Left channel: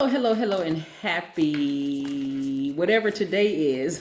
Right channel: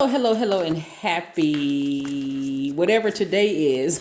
Hello, and happy whatever today is.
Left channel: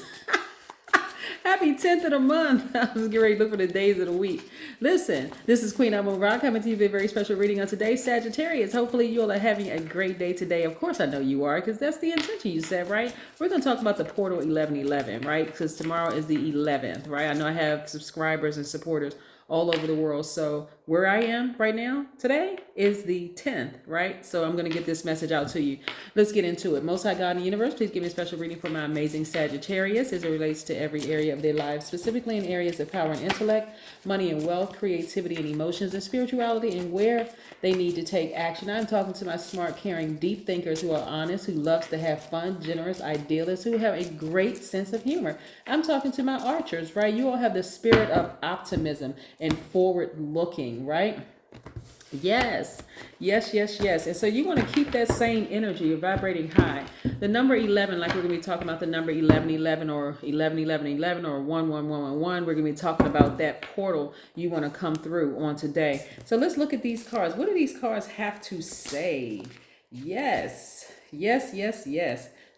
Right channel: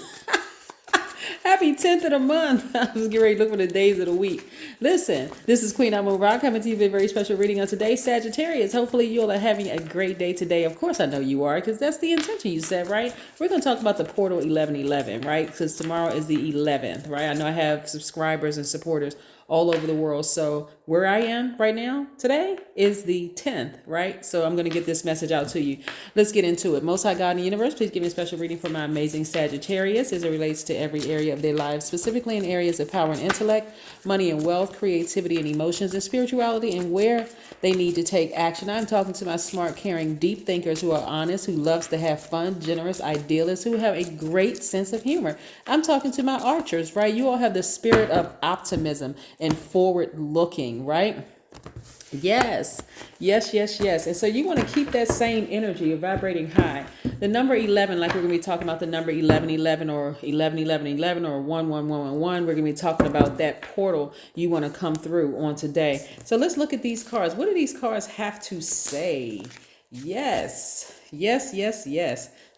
Happy 10th of the month. I was getting ready to look for the days of the week. Listen, this is Queen Amun Ra coming to you with a very special reading on today, Sagittarius. Hopefully you all are having a great day today. Of course I know you are, because that's the intention you set, right? We're going to talk about the portal 1111, right? Because tomorrow is the 11th, right? I know I have subscribers and supporters all over the world. So where I am right now today is the 10th, right? So I'm going to get this message out to you. Let's get into it. Most High God in the universe, please give me a special reading for my amazing Sagittarius as it relates to every area of their lives, specifically in areas of power and intellect, money and wealth, creativity and emotions, and spirituality, and where they need to take action. I'm talking to my smart, caring, deep thinkers who are honest, who loves to have fun, generous, idealists, who have a great sense of humor. I'm talking to my archers, right? You all have the spirit of optimism and forward looking, right? Yes. And so you want to keep that same energy of vibrating high. The number 11, like we're going to be talking about the number 1111 or 111111 or 11111, we're going to be talking about that portal you want to come through on today. So let's look at these cards. What do these cards have to say? Yes.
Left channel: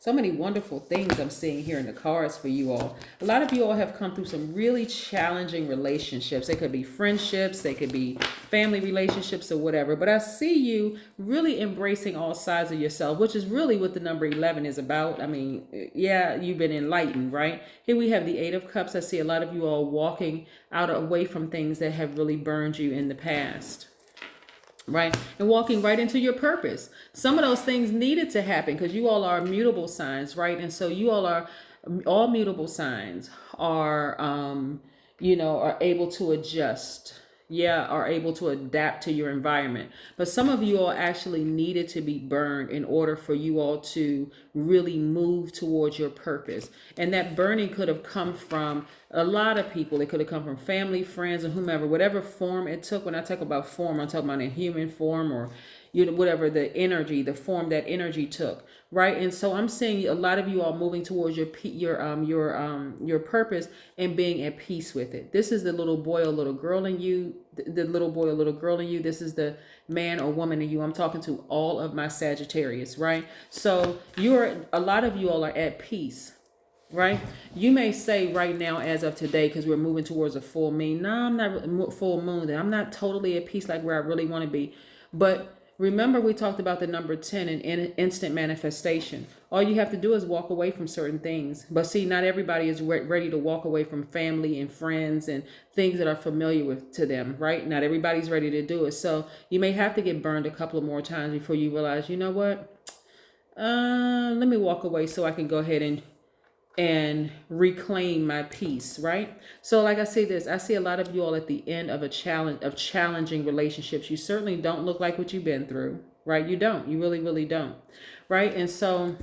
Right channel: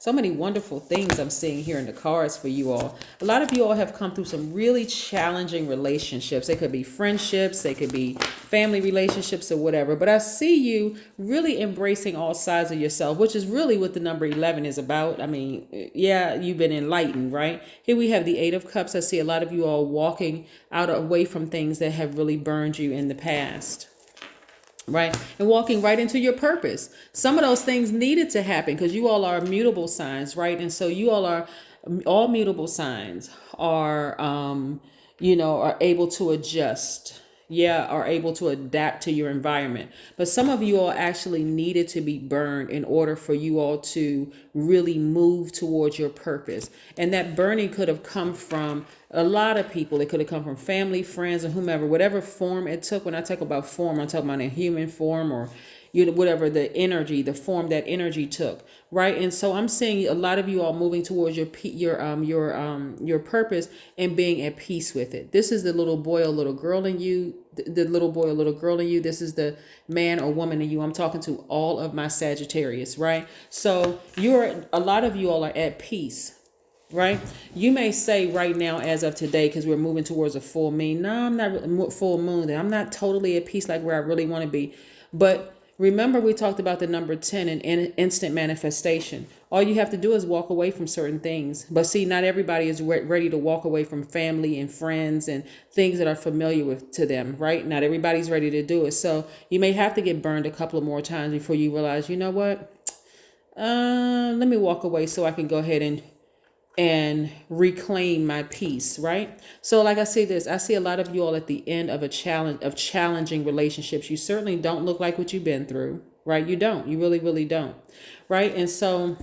So many wonderful things I'm seeing here in the cards for you all. A lot of you all have come through some really challenging relationships. They could be friendships, they could be family relationships or whatever. But I see you really embracing all sides of yourself, which is really what the number 11 is about. I mean, yeah, you've been enlightened, right? Here we have the 8 of Cups. I see a lot of you all walking out away from things that have really burned you in the past. Right? And walking right into your purpose. Some of those things needed to happen because you all are mutable signs, right? And so you all mutable signs are, are able to adjust. Yeah, are able to adapt to your environment. But some of you all actually needed to be burned in order for you all to really move towards your purpose. And that burning could have come from a lot of people. It could have come from family, friends, and whomever, whatever form it took. When I talk about form, I'm talking about a human form or whatever the energy, the form that energy took, right? And so I'm seeing a lot of you all moving towards your purpose and being at peace with it. This is the little boy or little girl in you, the little boy or little girl in you. This is the man or woman in you. I'm talking to all of my Sagittarius, right? So a lot of you all are at peace. Right? You may say right now, as of today, because we're moving towards a full moon. No, I'm not full moon. I'm not totally at peace like where I really want to be. But remember, we talked about the number 10 and instant manifestation. All you have to do is walk away from certain things. But see, not everybody is ready to walk away from family and friends and things that are familiar to them, right? Not everybody's ready to do it. So you may have to get burned a couple of more times before you realize, you know what? Let me walk away so I can go ahead and reclaim my peace, right? So like I say I see a lot of you all at the end of challenging relationships. You certainly don't look like what you've been through, right? You don't. You really, really don't, right? And so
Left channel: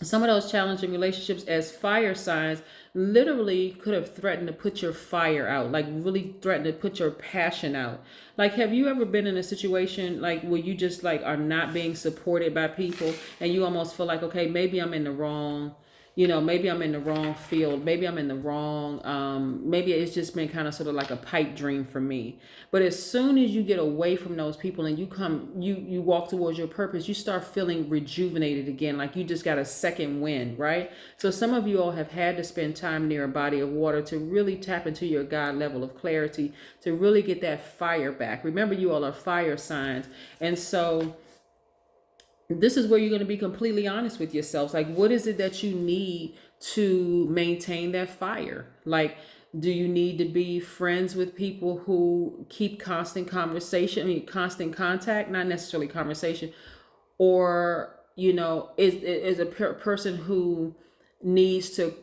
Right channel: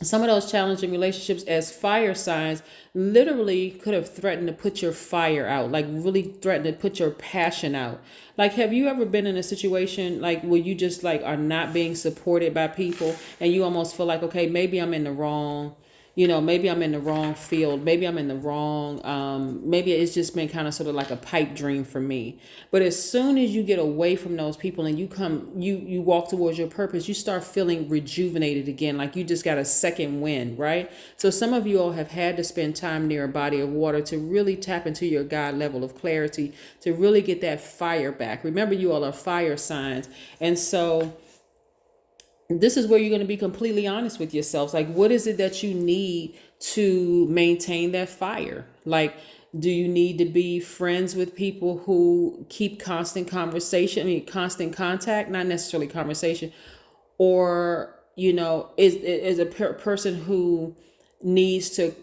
some of those challenging relationships as fire signs literally could have threatened to put your fire out, like really threatened to put your passion out. Like, have you ever been in a situation like where you just like are not being supported by people and you almost feel like, okay, maybe I'm in the wrong maybe I'm in the wrong field. Maybe I'm in the wrong, maybe it's just been kind of sort of like a pipe dream for me. But as soon as you get away from those people and you walk towards your purpose, you start feeling rejuvenated again. Like you just got a second wind, right? So some of you all have had to spend time near a body of water to really tap into your God level of clarity, to really get that fire back. Remember, you all are fire signs. And so this is where you're going to be completely honest with yourselves. Like, what is it that you need to maintain that fire? Like, do you need to be friends with people who keep constant constant contact, not necessarily conversation, or, is a person who needs to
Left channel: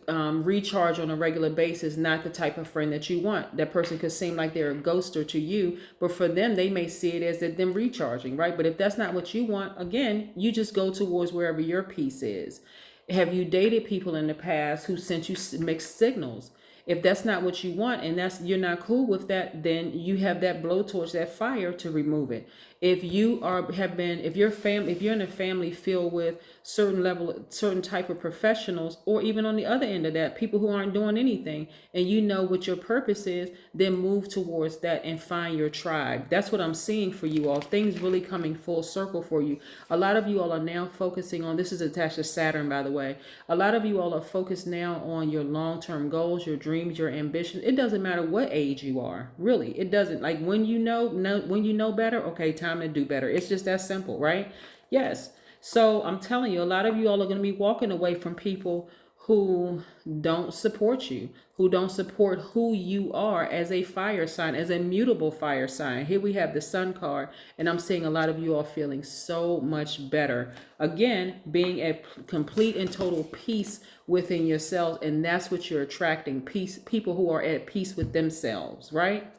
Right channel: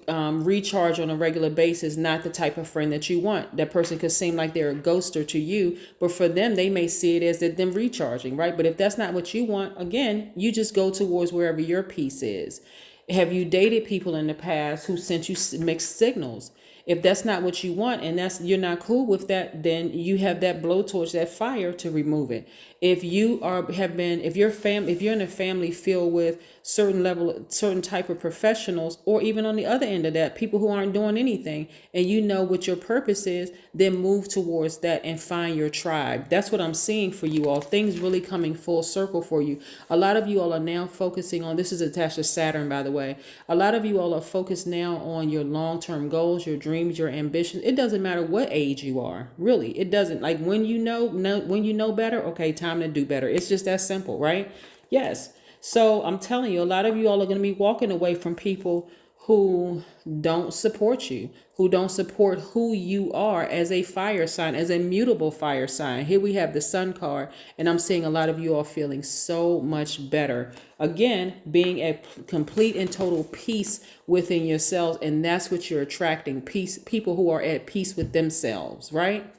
recharge on a regular basis, not the type of friend that you want. That person could seem like they're a ghoster to you, but for them, they may see it as them recharging, right? But if that's not what you want, again, you just go towards wherever your peace is. Have you dated people in the past who sent you mixed signals? If that's not what you want and you're not cool with that, then you have that blowtorch, that fire to remove it. If you if you're in a family filled with certain type of professionals, or even on the other end of that, people who aren't doing anything, and you know what your purpose is, then move towards that and find your tribe. That's what I'm seeing for you all. Things really coming full circle for you. A lot of you all are now focusing on, this is attached to Saturn, by the way. A lot of you all are focused now on your long-term goals, your dreams, your ambitions. It doesn't matter what age you are, really. It doesn't. Like when you know better, okay, time to do better. It's just that simple, right? Yes. So I'm telling you, a lot of you all are going to be walking away from people who don't support you, who don't support who you are as a fire sign, as a mutable fire sign. Here we have the Sun card, and I'm seeing a lot of you all feeling so much better. Again, being at complete and total peace within yourselves, and that's what you're attracting, peace, people who are at peace with themselves, right?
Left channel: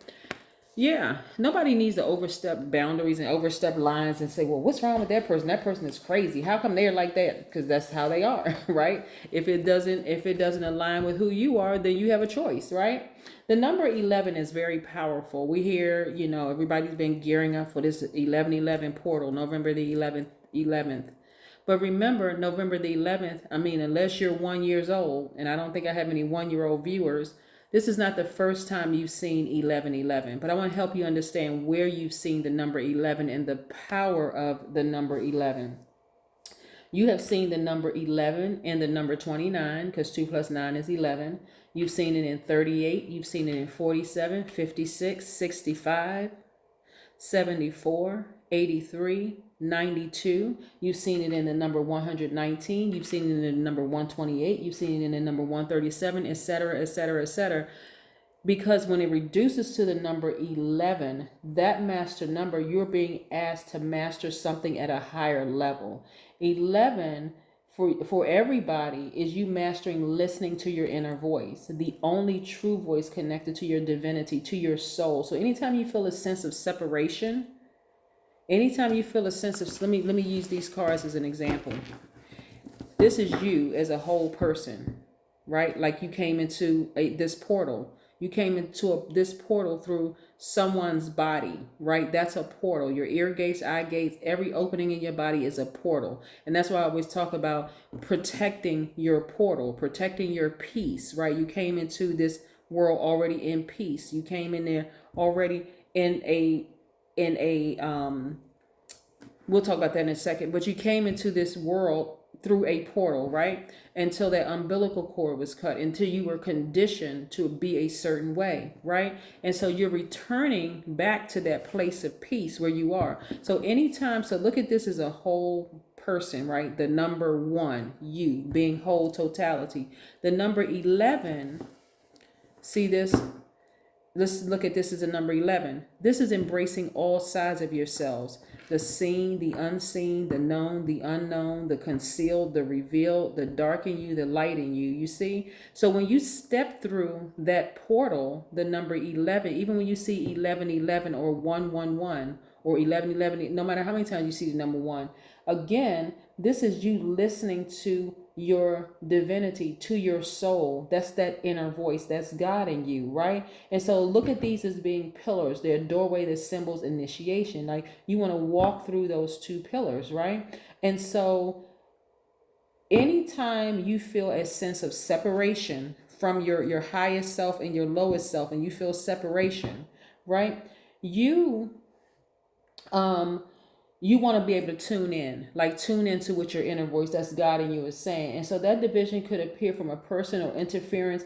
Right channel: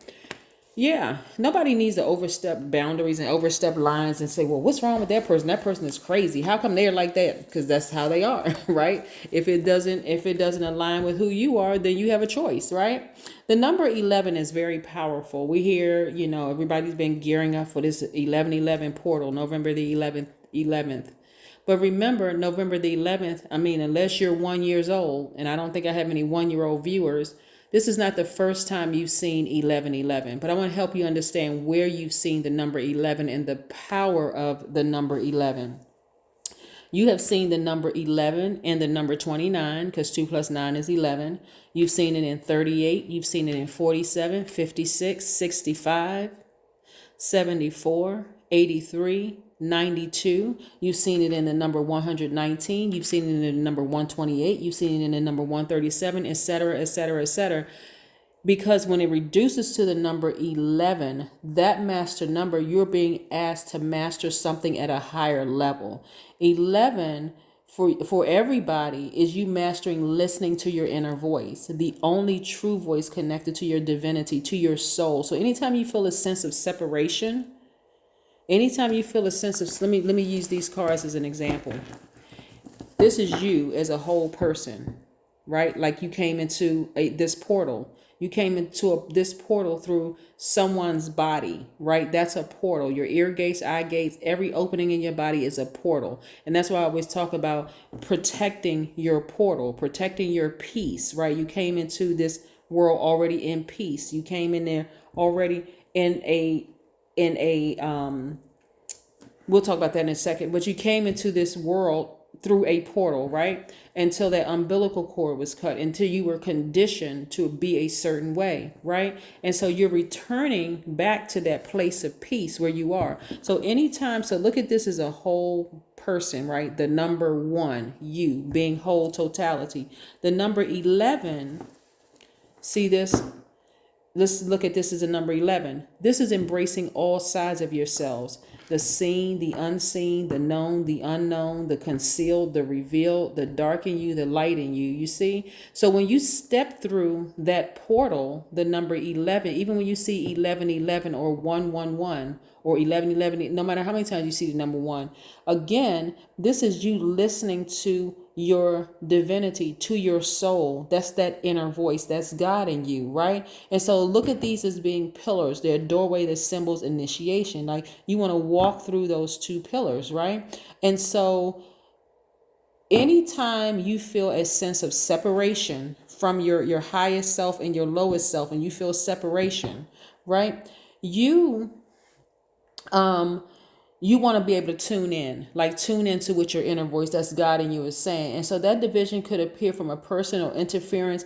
Yeah, nobody needs to overstep boundaries and overstep lines and say, well, what's wrong with that person? That person is crazy. How come they're like that? Because that's how they are, right? If it doesn't align with who you are, then you have a choice, right? The number 11 is very powerful. We hear, everybody's been gearing up for this 11/11 portal, November the 11th. But remember, November the 11th, unless you're 1 year old, and I don't think I have any 1-year-old viewers, this is not the first time you've seen 11/11, but I want to help you understand where you've seen the number 11 and the power of the number 11. You have seen the number 11 and the number 29, because 2 plus 9 is 11. You've seen it in 38. You've seen it in 47, 56, 65, 74, 83, 92. You've seen it in the number 119. You've seen it in the number 128. You've seen it in the number 137, etc., etc., etc. Because when it reduces to the number 11, that master number, you're being asked to master something at a higher level. 11 for everybody is you mastering listening to your inner voice, the only true voice connected to your divinity, to your soul. So anytime you feel a sense of separation, anytime you feel a sense of, let me use these cards as an example. This is you as a whole person, right? Like you came into this portal. You came into this portal through someone's body, right? That's a portal. Your ear gates, eye gates, every opening in your body is a portal. And that's why I always talk about protecting your portal, protecting your peace, right? You came into this world already in peace. You came in there already in a we'll talk about that in a second, but you came into this world through a portal, right? Until that umbilical cord was cut, until you were conditioned to be a certain way, right? And so you're returning back to that place of peace where you are. So look at this as a whole person, right? The number 1, you being whole totality. The number 11, see this? Let's look at this as a number 11. This is embracing all sides of yourselves. The seen, the unseen, the known, the unknown, the concealed, the revealed, the dark in you, the light in you. You see? So when you step through that portal, the number 11, even when you see 11/11 or 111 or 11/11, no matter how many times you see the number 1, again, this is you listening to your divinity, to your soul. That's that inner voice. That's God in you, right? And so look at these as being pillars. They're doorway that symbols initiation. Like you want to walk through those 2 pillars, right? And so anytime you feel a sense of separation from your highest self and your lowest self, and you feel separation, right? You want to be able to tune into what your inner voice, that's God in you, is saying. And so that division could appear from a person or interference,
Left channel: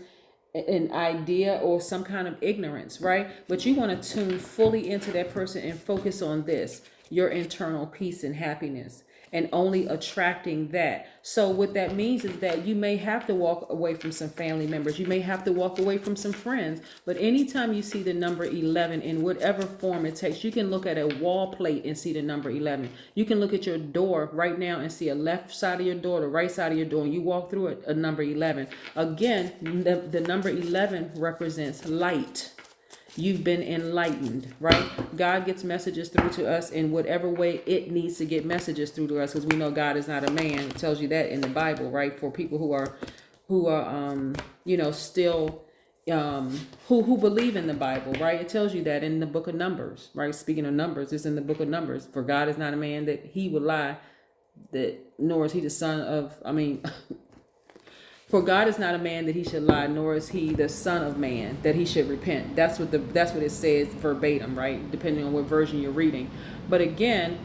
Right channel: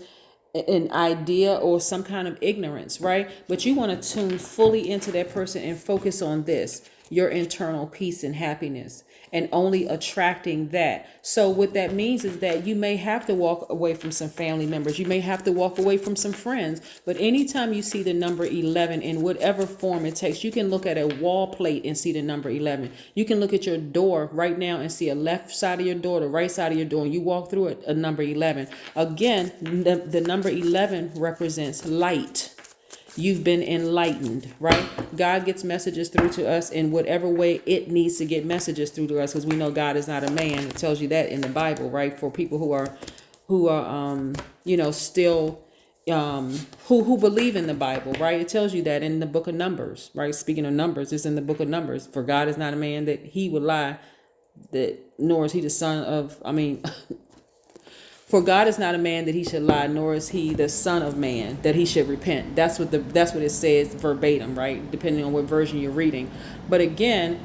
an idea, or some kind of ignorance, right? But you want to tune fully into that person and focus on this, your internal peace and happiness, and only attracting that. So what that means is that you may have to walk away from some family members. You may have to walk away from some friends. But anytime you see the number 11 in whatever form it takes, you can look at a wall plate and see the number 11. You can look at your door right now and see a left side of your door, the right side of your door, and you walk through it, a number 11. Again, the number 11 represents light. You've been enlightened, right? God gets messages through to us in whatever way it needs to get messages through to us, because we know God is not a man. It tells you that in the Bible, right? For people who are still who believe in the Bible, right? It tells you that in the book of Numbers, right? Speaking of Numbers, it's in the book of Numbers. For God is not a man that he would lie, that nor is he the son of, for God is not a man that he should lie, nor is he the son of man that he should repent. That's what it says verbatim, right? Depending on what version you're reading. But again,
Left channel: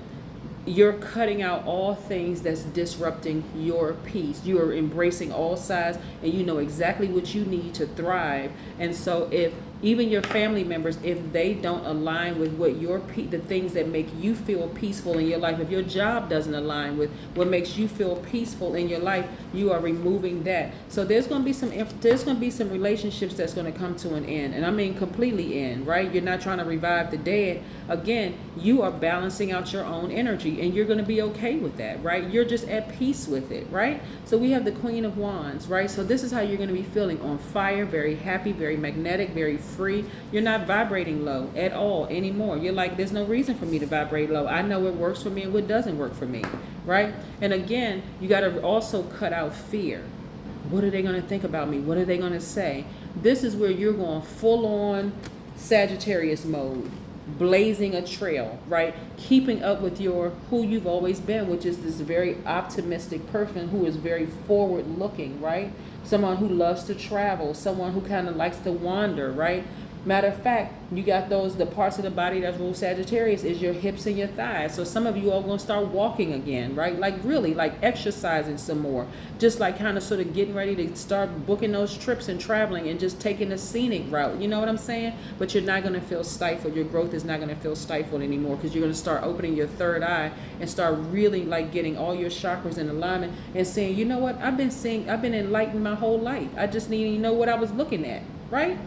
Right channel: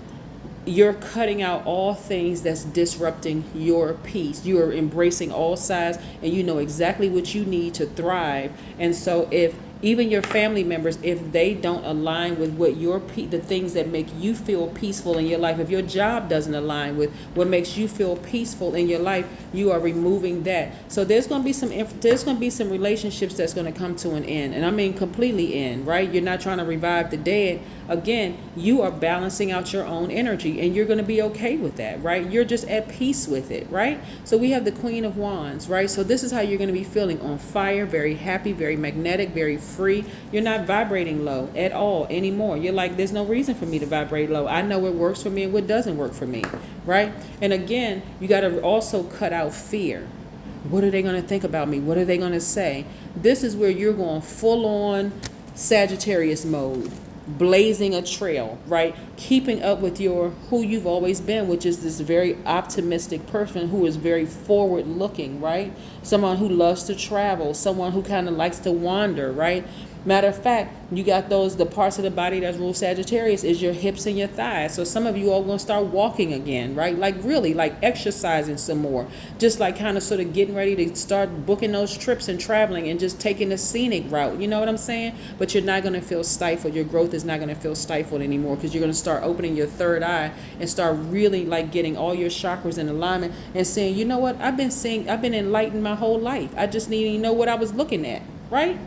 you're cutting out all things that's disrupting your peace. You are embracing all sides, and you know exactly what you need to thrive. And so if even your family members, if they don't align with what the things that make you feel peaceful in your life, if your job doesn't align with what makes you feel peaceful in your life, you are removing that. So there's going to be some relationships that's going to come to an end, and I mean completely end, right? You're not trying to revive the dead. Again, you are balancing out your own energy, and you're going to be okay with that, right? You're just at peace with it, right? So we have the Queen of Wands, right? So this is how you're going to be feeling: on fire, very happy, very magnetic, very free. You're not vibrating low at all anymore. You're like, there's no reason for me to vibrate low. I know what works for me and what doesn't work for me, right? And again, you got to also cut out fear. What are they going to think about me? What are they going to say? This is where you're going full on Sagittarius mode, blazing a trail, right? Keeping up with who you've always been, which is this very optimistic person who is very forward looking, right? Someone who loves to travel, someone who kind of likes to wander, right? Matter of fact, you got the parts of the body that rule Sagittarius is your hips and your thighs. So some of you are going to start walking again, right? Like really, like exercising some more. Just like kind of sort of getting ready to start booking those trips and traveling and just taking a scenic route. You know what I'm saying? But you're not going to feel stifled. Your growth is not going to feel stifled anymore, because you're going to start opening your third eye and start really like getting all your chakras in alignment and saying, you know what? I've been enlightened my whole life. I just need to know what I was looking at, right?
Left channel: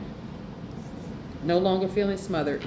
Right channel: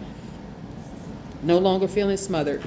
No longer feeling smothered,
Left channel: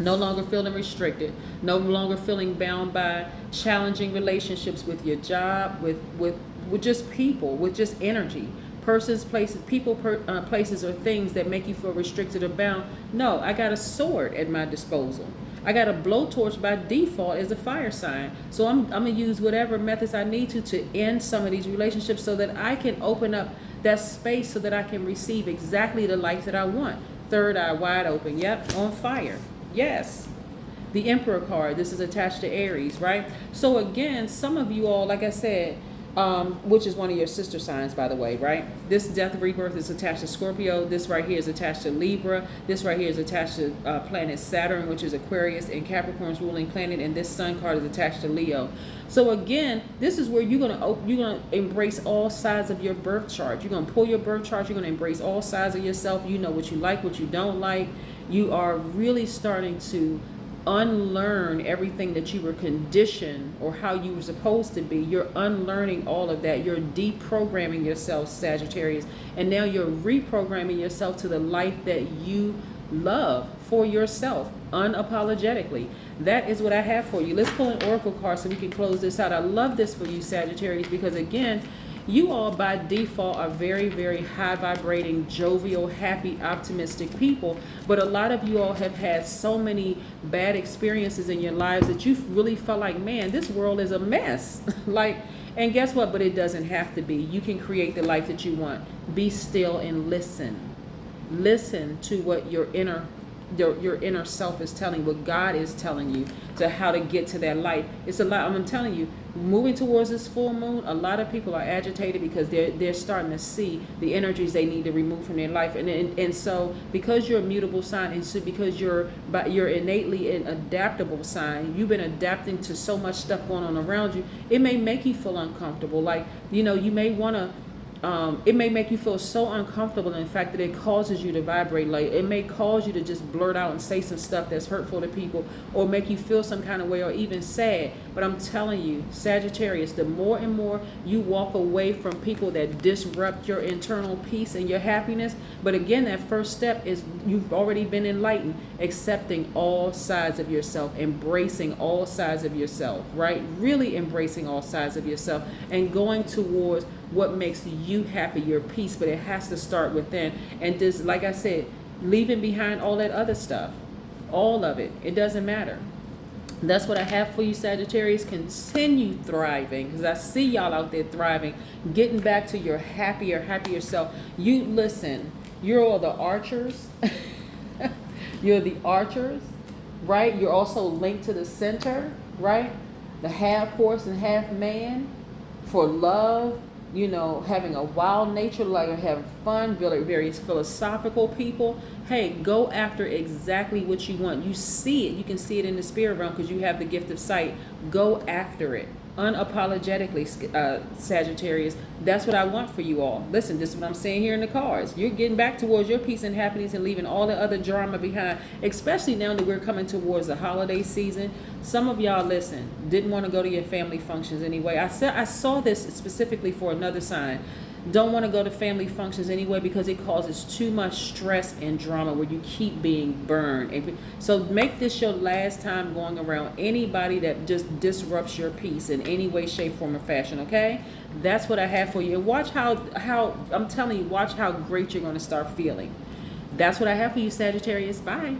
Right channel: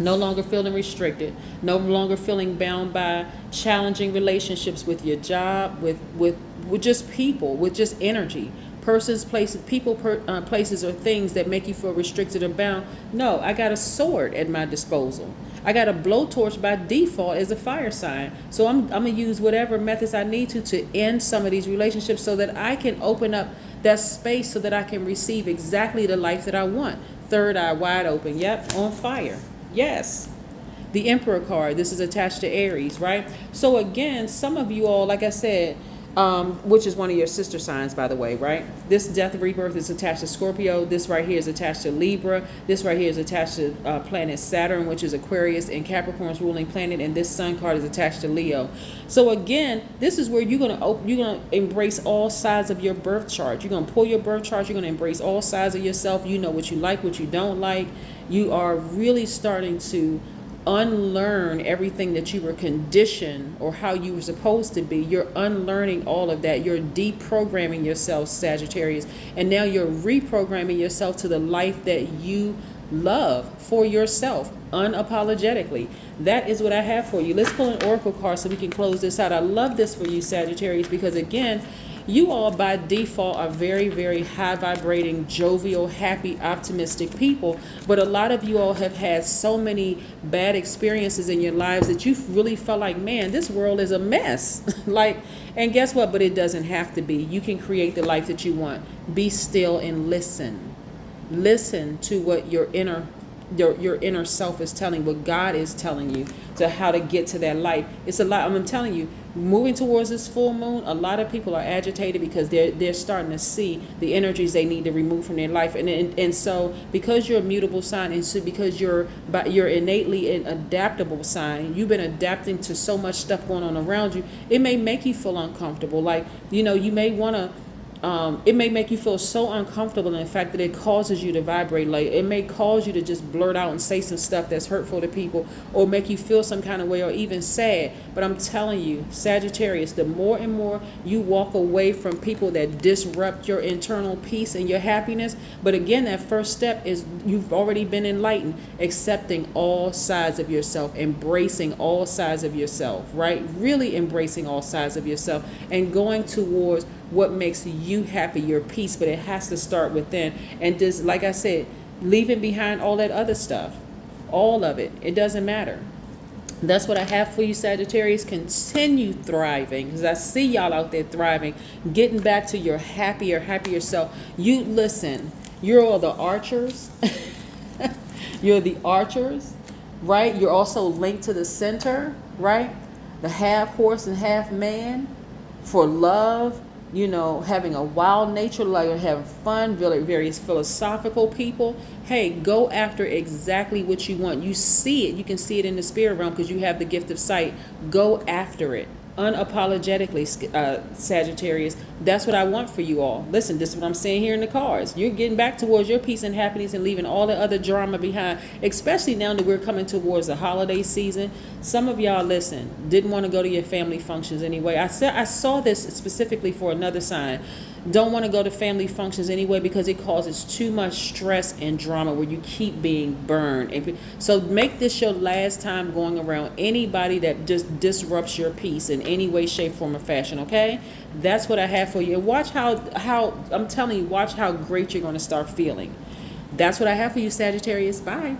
no longer feeling restricted, no longer feeling bound by challenging relationships with your job, with just people, with just energy, persons, places, places, or things that make you feel restricted or bound. No, I got a sword at my disposal. I got a blowtorch by default as a fire sign. So I'm going to use whatever methods I need to end some of these relationships so that I can open up that space so that I can receive exactly the life that I want. Third eye wide open. Yep, on fire. Yes. The Emperor card. This is attached to Aries, right? So again, some of you all, like I said, which is one of your sister signs, by the way, right? This death of rebirth is attached to Scorpio. This right here is attached to Libra. This right here is attached to planet Saturn, which is Aquarius and Capricorn's ruling planet. And this sun card is attached to Leo. So again, this is where you're gonna embrace all sides of your birth chart. You're gonna pull your birth chart. You're gonna embrace all sides of yourself. You know what you like, what you don't like. You are really starting to unlearn everything that you were conditioned or how you were supposed to be. You're unlearning all of that. You're deprogramming yourself, Sagittarius, and now you're reprogramming yourself to the life that you love for yourself unapologetically. That is what I have for you. Let's pull an oracle card so we can close this out. I love this for you, Sagittarius, because again, you all by default are very, very high vibrating, jovial, happy, optimistic people. But a lot of you all have had so many bad experiences in your lives that you really felt like, man, this world is a mess. And guess what? But it doesn't have to be. You can create the life that you want. Be still and listen. Listen to what your inner self is telling, what God is telling you, to how to get to that light. It's a lot. I'm telling you, moving towards this full moon, a lot of people are agitated because they're starting to see the energies they need to remove from their life, and so because you're a mutable sign, and so because you're innately an adaptable sign, you've been adapting to so much stuff going on around you. It may make you feel uncomfortable. Like, you may want to. It may make you feel so uncomfortable in the fact that it causes you to vibrate late. It may cause you to just blurt out and say some stuff that's hurtful to people, or make you feel some kind of way, or even sad. But I'm telling you, Sagittarius, the more and more you walk away from people that disrupt your internal peace and your happiness. But again, that first step is you've already been enlightened, accepting all sides of yourself, embracing all sides of yourself, right? Really embracing all sides of yourself and going towards what makes you happy, your peace. But it has to start within. And just like I said, leaving behind all that other stuff, all of it, it doesn't matter. That's what I have for you, Sagittarius. Continue thriving, because I see y'all out there thriving, getting back to your happier self. You listen, You're all the archers. You're the archers, right? You're also linked to the center, right? The half horse and half man for love, you know, having a wild nature, like having fun, various philosophical people. Hey, go after exactly what you want. You see it. You can see it in the spirit realm because you have the gift of sight. Go after it. Unapologetically, Sagittarius. That's what I want for you all. Listen, this is what I'm saying here in the cards. You're getting back towards your peace and happiness and leaving all the other drama behind, especially now that we're coming towards the holiday season. Some of y'all, listen, didn't want to go to your family functions anyway. I saw this specifically for another sign. Don't want to go to family functions anyway because it causes too much stress and drama where you keep being burned. And so make this your last time going around anybody that just disrupts your peace in any way, shape, form, or fashion, okay? That's what I have for you. And watch how I'm telling you, watch how great you're going to start feeling. That's what I have for you, Sagittarius. Bye.